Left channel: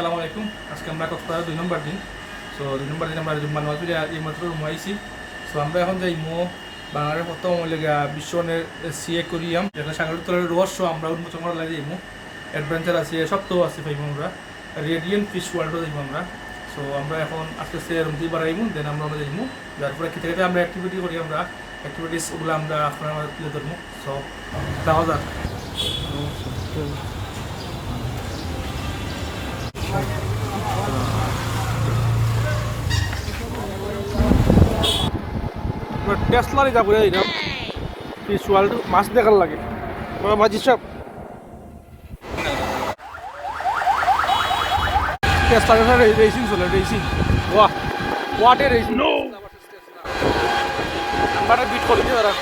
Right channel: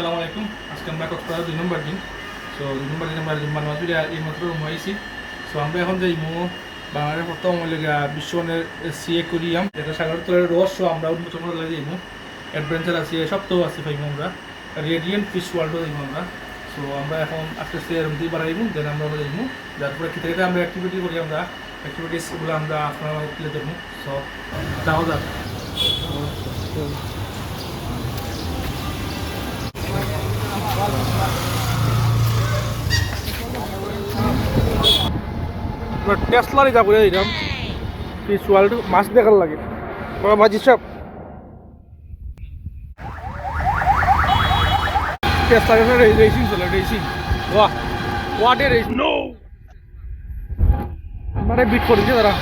আসসালামু আলাইকুম। আজকে আমরা কক্সবাজার 2 নম্বর দিন। সো 2 নম্বর দিন আমরা মানবাজারে এইমাত্র ঘুমাইছি। সো আমরা এখন যাইমু বাংলাদেশের প্রথম বিশ্বনের সি অ্যাকোয়ারিয়াম, যেটা সাগরের তলের রহস্য আমরা উন্মোচন করা যাইমু। অ্যাডভেঞ্চার আছে, সব তো আছে পাইমু আমরা। রেডিয়েন্ট ফিশ ওয়ার্ল্ডও যাইমু আমরা। সো আমরা এখন আস্তে আস্তে রুম দিয়ে বাড়াইমু, দেন আমরা যাইমু। যারপরে কি থেকে আমরা অ্যাক্টিভিটি করি, আমরা অ্যাক্টিভিটিসগুলো আমরা আপনার তুলে ধরবো। সো যাওয়া যাক। টেসলারই যাবো এইরকম ফিশ ওয়ার্ল্ড, মাছ দেখার লাগে বাজি সব টেসলার রেসিং চলে, রেসিং ওয়াটে রেসিং মানে বিট করেছি তারা।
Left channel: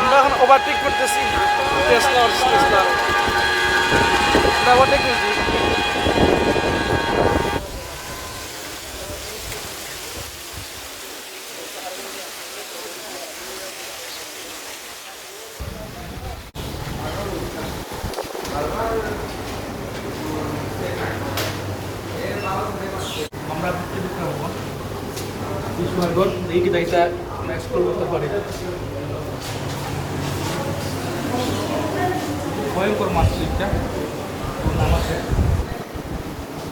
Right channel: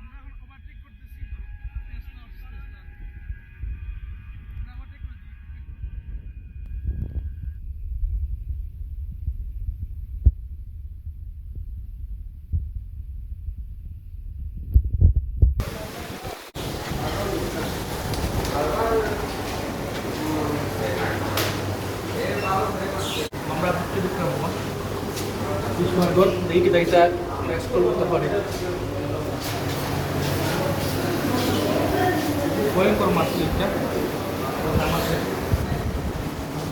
আমরা এখন ওভারটেক করতেছি টেসলার ওভারটেক করছি। আমরা দেখি এটা এক্সপ্লোর করতে পারি। ভয়ঙ্কর মাছ এটা, নাম আছে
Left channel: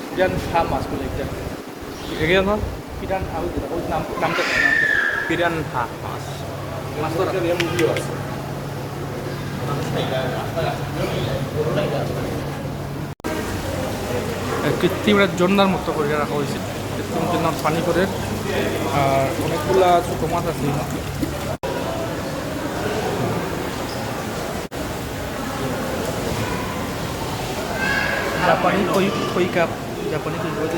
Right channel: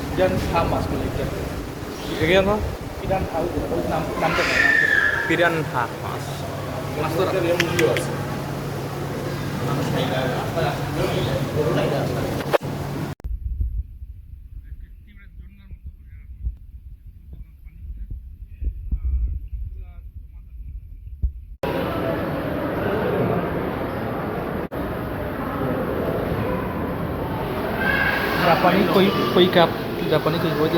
পিরান খা মাছ এটা। দেখে না পিরান খা, নামটা পিরান খা মাছ। মাছটা ভিডিও আছে। কৃত্রিম ঝর্ণার মতো করে রাখা হয়েছে, কৃত্রিম ঝর্ণার পানি করে। আর অনেকগুলা ছোটো মাছ আছে। জাপানি কই কাপ, জাপানি কই বই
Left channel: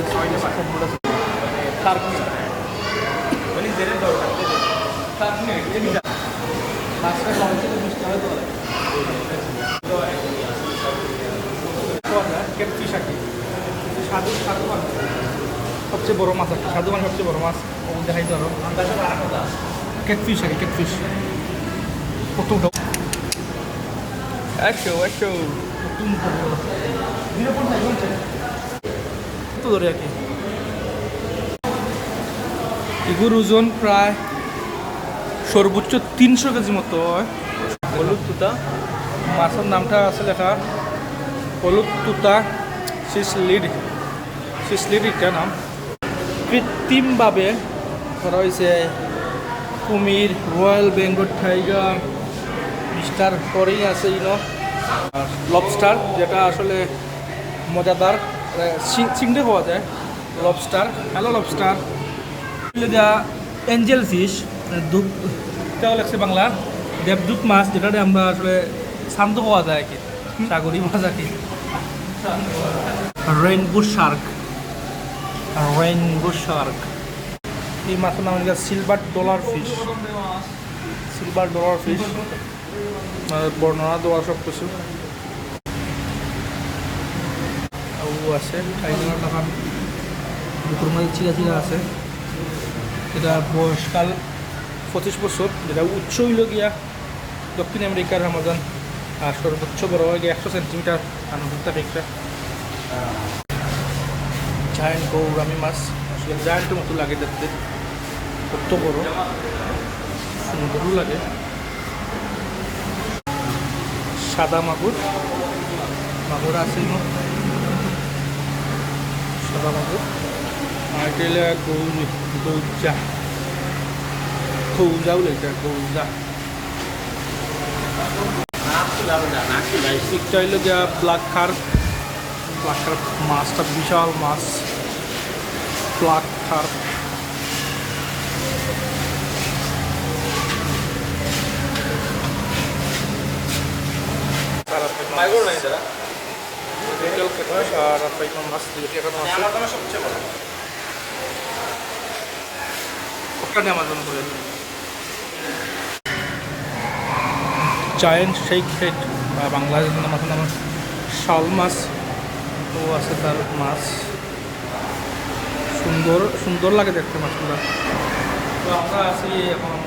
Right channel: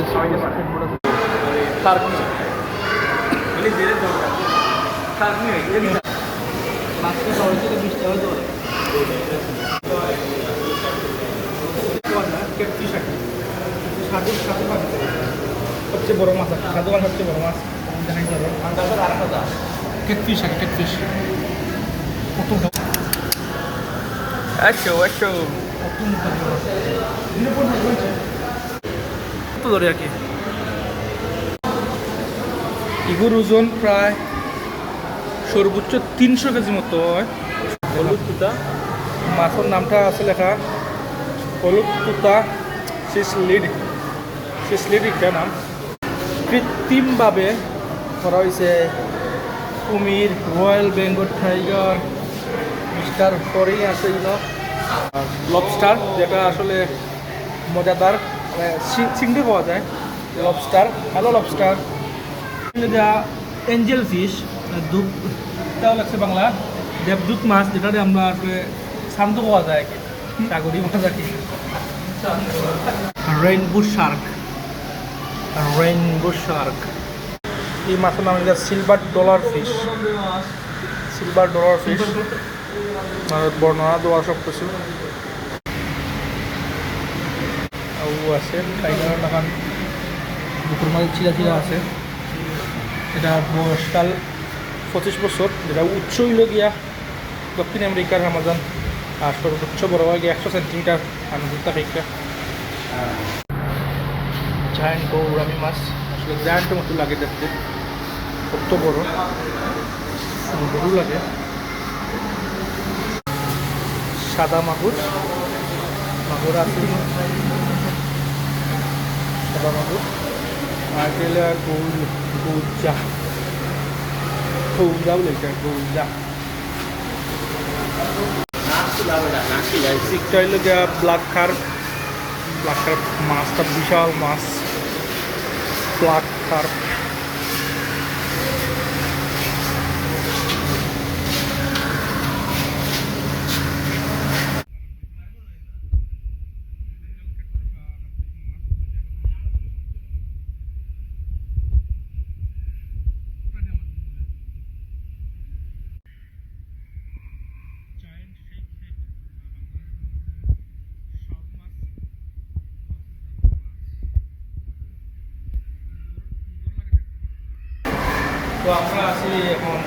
সবচেয়ে বড় মাছ, সাধু মাছ সবচেয়ে বড় মাছ দেখাই কেটফিশ আছে, কেটফিশ ধরে আর কি। এগুলোর ওজন প্রায় সর্বোচ্চ 300 কেজির মতো হয়। হলুদ তুতা মাছের নামটা আছে লেখা, হলুদ তুতা সিসলিড এটা নাম। কৃত্রিমভাবে করা হয়েছে কুমির, রয়্যাল বেঙ্গল টাইগার, মিস্টার পরেই আছে লবস্টার, যেটা আসলে মজাদার, চিংড়ি পাওয়া যায়। Lobster, hello lobster. Angel fish, দুধটাও লাগছে বাংলা, দেবদূত মাছ, যেটাতে আমরা আসলে শান্ত পাওয়া যায় আর কি, সাগরী মাছ আর কি। রেইনবো শার্ক, এই মাছের নাম হলো সিলভার ডলার ফিশ। বর্ণনা দেওয়া সব কিছু আছে। টাইগার নাকান বুকুর মাঝে চিরা আছে। এটা বয়সকাল 25 বছর, যেটা উচ্চ হইল গিয়া দক্ষিণ আমেরিকার আমাজন। আর সর্বোচ্চ বড় হয় গিয়ে 100 সেন্টিমিটার। দুটা ফেকটা জায়ান্ট গৌরামি মাছ, আসলে জায়ান্টের মতো লাগে দেখতে, কত বড়, সুন্দরও লাগে। সাদা মাগুর আছে, সাদা মাগুর। আর গেলে গৌজা বলে, এটা গৌজা। চাইলে যা ব্ল্যাক কার্প মাছটা বিশাল মাছ, black carp. Giant snake head, বাংলাদেশের মাছের নাম শাল মাছ ও আছে, তার মাছ সুন্দর লাগে দেখতে মাছগুলো। তো আমরা আছি এখন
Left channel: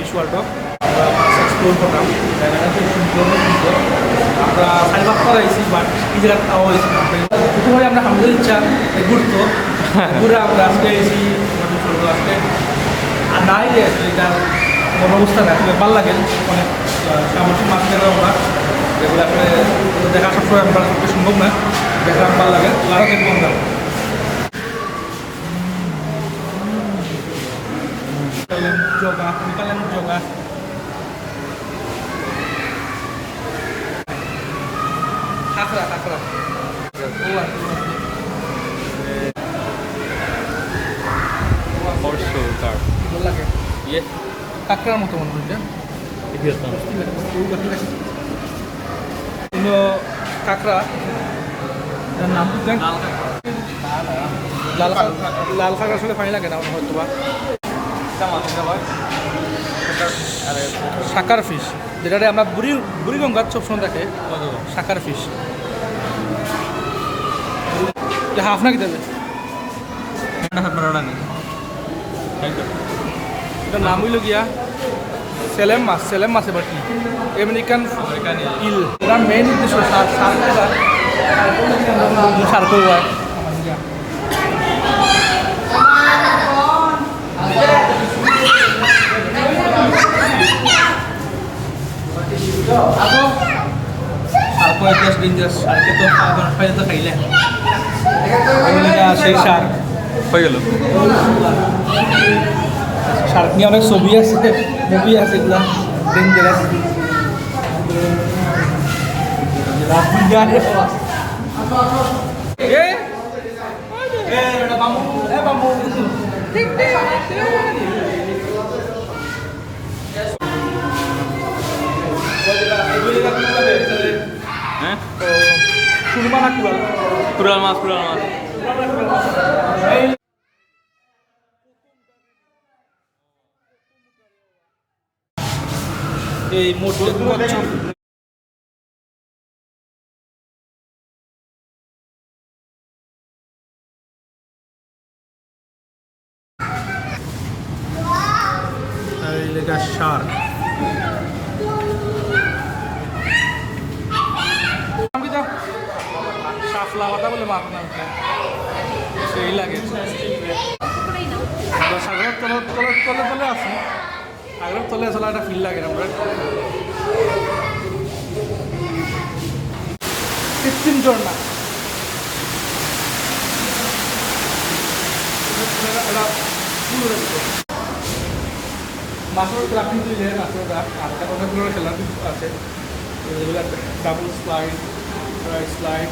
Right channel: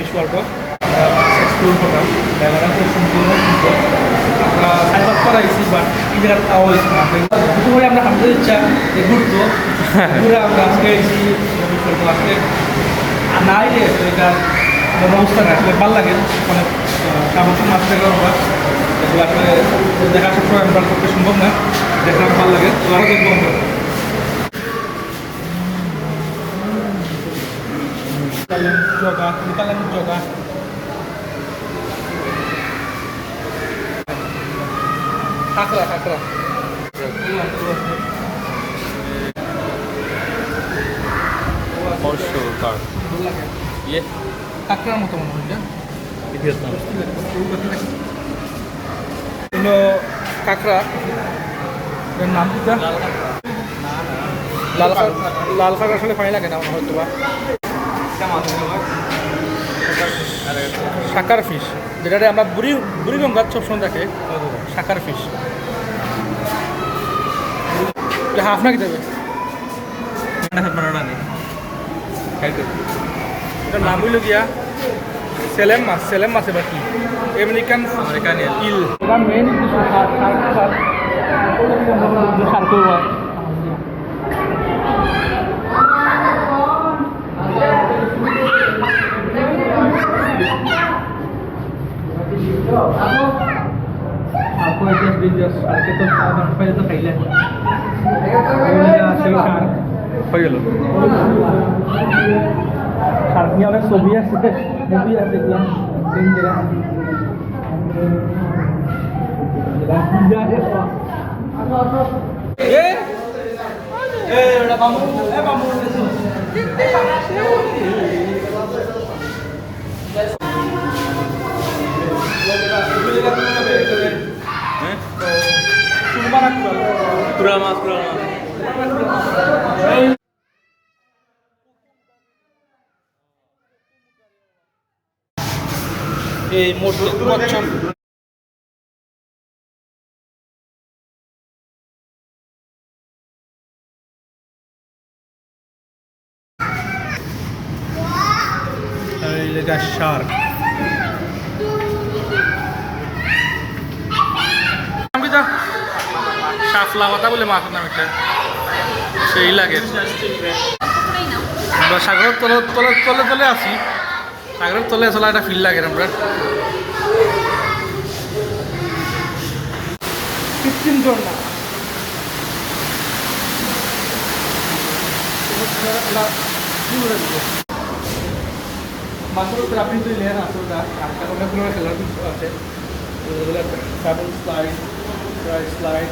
ফিশ ওয়ার্ল্ডও আমরা মাছ এক্সপ্লোর করলাম এলাকার থেকে সুন্দর আমরা সাইবার করাইছি বাট এই জায়গায় খাওয়া হয়েছি না দুটো করে আমরা আমাদের ইচ্ছা ঘুরতো ঘুরে আমরা আজকে এসেছি আমাদের আজকে আর নাই যে এটা কোনো অবস্থা নেই আসলে ভালো লাগে অনেক সামর্থ্য মাছ দেখলাম আমরা যেগুলো আসলে দেখা সবসময় আমরা পক্ষে সম্ভব নয় দেখলাম ভালো লাগে আরও দেখবো আমরা যোগা কাঁকড়া কাঁকড়া কাঁকড়ার মতো কাঁকড়া নাম কি লাল কাঁকড়া আসলে পানি লাগে না হয়তো বা শাকার ফিশ যেটা আমরা বুড়িগঙ্গার সবসময় দেখে শাকার ফিশ হাফ না কি দেবে এটার নাম হইল গিয়া সেলেম মাছ এবার কি আমেরিকান ইল এটা মেইন উদ্দেশ্য সার করবো সারকে তো খাইলে তো খাইলে সেই সার হয়ে গেল শার্ক নিয়ে অনেক ছবি আছে মুভি আছে এগুলো ডেঞ্জারাস পুরা মাছ এই মোটর শার্ক শাপলা পাতা বলে মাছের নাম একটা সেই লাগে আমরা সাগরের তলে আছি সাগরের তলে চলা একটা ফিল লাগে আমরা কৃত্রিম ঝর্ণা মাছের ক্রাফটিং তৈরি আছে ওটা আর অনেকগুলো খেলার আছে ডাবল স্লাইড স্লাইড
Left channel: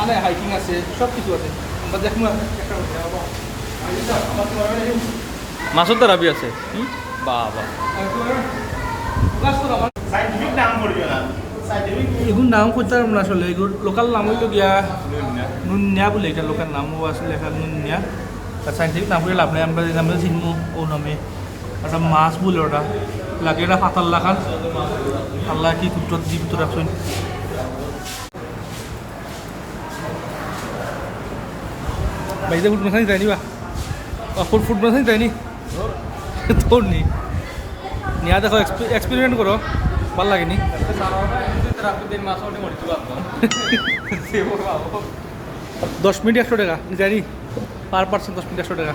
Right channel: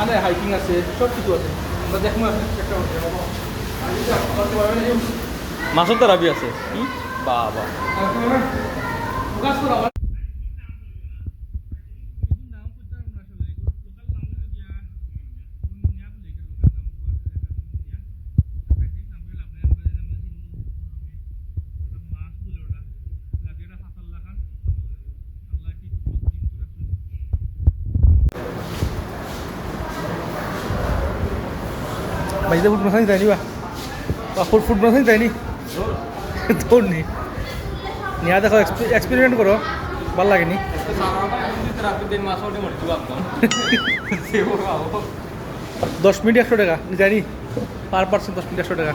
আর হাইকিং আছে সব কিছু আছে আমরা দেখবো মাছের তেরাপি আছে বাবা এগুলো নাম করতে পারবো না আসলে এগুলো লোকাল নাম হইল গিয়া নুনিয়া বলে এটা লোকাল নামও আসলে এখানে নুনিয়া আর সাইন্টিফিক নাম করে লাভ নেই আমরা নামে চিনবো ও নামে একটা মাছ বলে ওটা লাগে এটা পাতাল লাখান আল্লাহ কি কুট্টর জীবিত রাখছেন বাইরে ফুট মাসানি যায়নি বা ফুট মাসানি যায়নি তোর নি নিয়া দেখো এক্সপেরিমেন্ট করো ভাল লাগেনি 10 মিনিট 100 টাকা জানি পার পার্সন 10 মিনিট 100 টাকা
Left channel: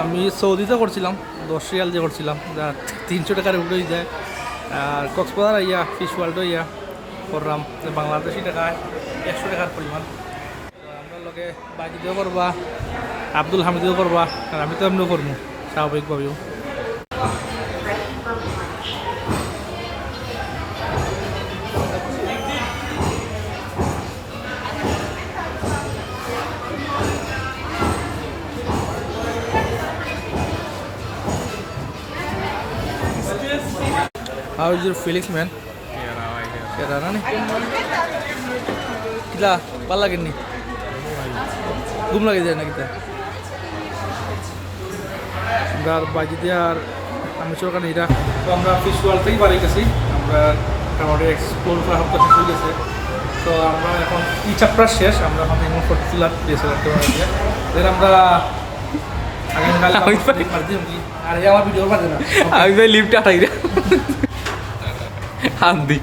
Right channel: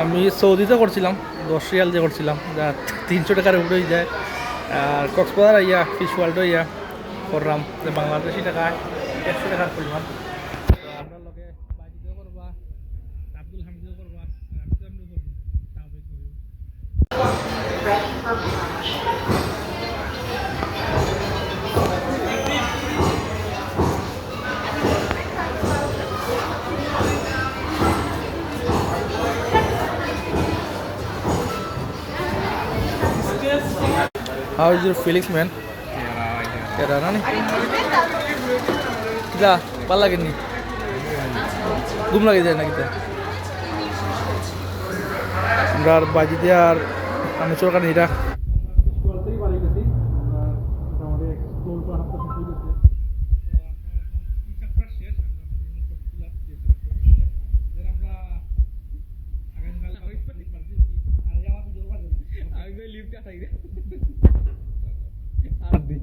আমি সৌদিতে করছিলাম 10 রিয়াল দিয়ে করছিলাম যা 300 টাকার উপরেই যায় আর কক্সবাজার ইয়া ফিশ ওয়ার্ল্ডও ইয়া করলাম বাংলাদেশি টাকায় 100 টাকার পরিমাণ তো আমরা লগে বাজিদেও করবা আব্দুল হামিদেও করবা আর আমি তো এমনিও করবো স্বাভাবিকভাবেও How is your feelings, man? Kera na ni? Kita, ভাল লাগে নি? ঘুম লাগে যায় না kita? আমরা বাজি দিয়ে আর আমি সরকার নিরা তো আমরা ফিশ ওয়ার্ল্ড থেকে বাড়ি গেছি আমরা মোটামুটি এক্সপ্লোর করা হতে শেষ হয়ে গেছে তো আমরা এখন ই চ্যাপ্টার শেষ আমরা এখন ফটোগুলা প্লেসে রাখতে পারি দেন আমরা আগামীকাল আর এই আমার ভিডিও পাচ্ছে না আমি ভাই লিফট আটাই রে হাত দি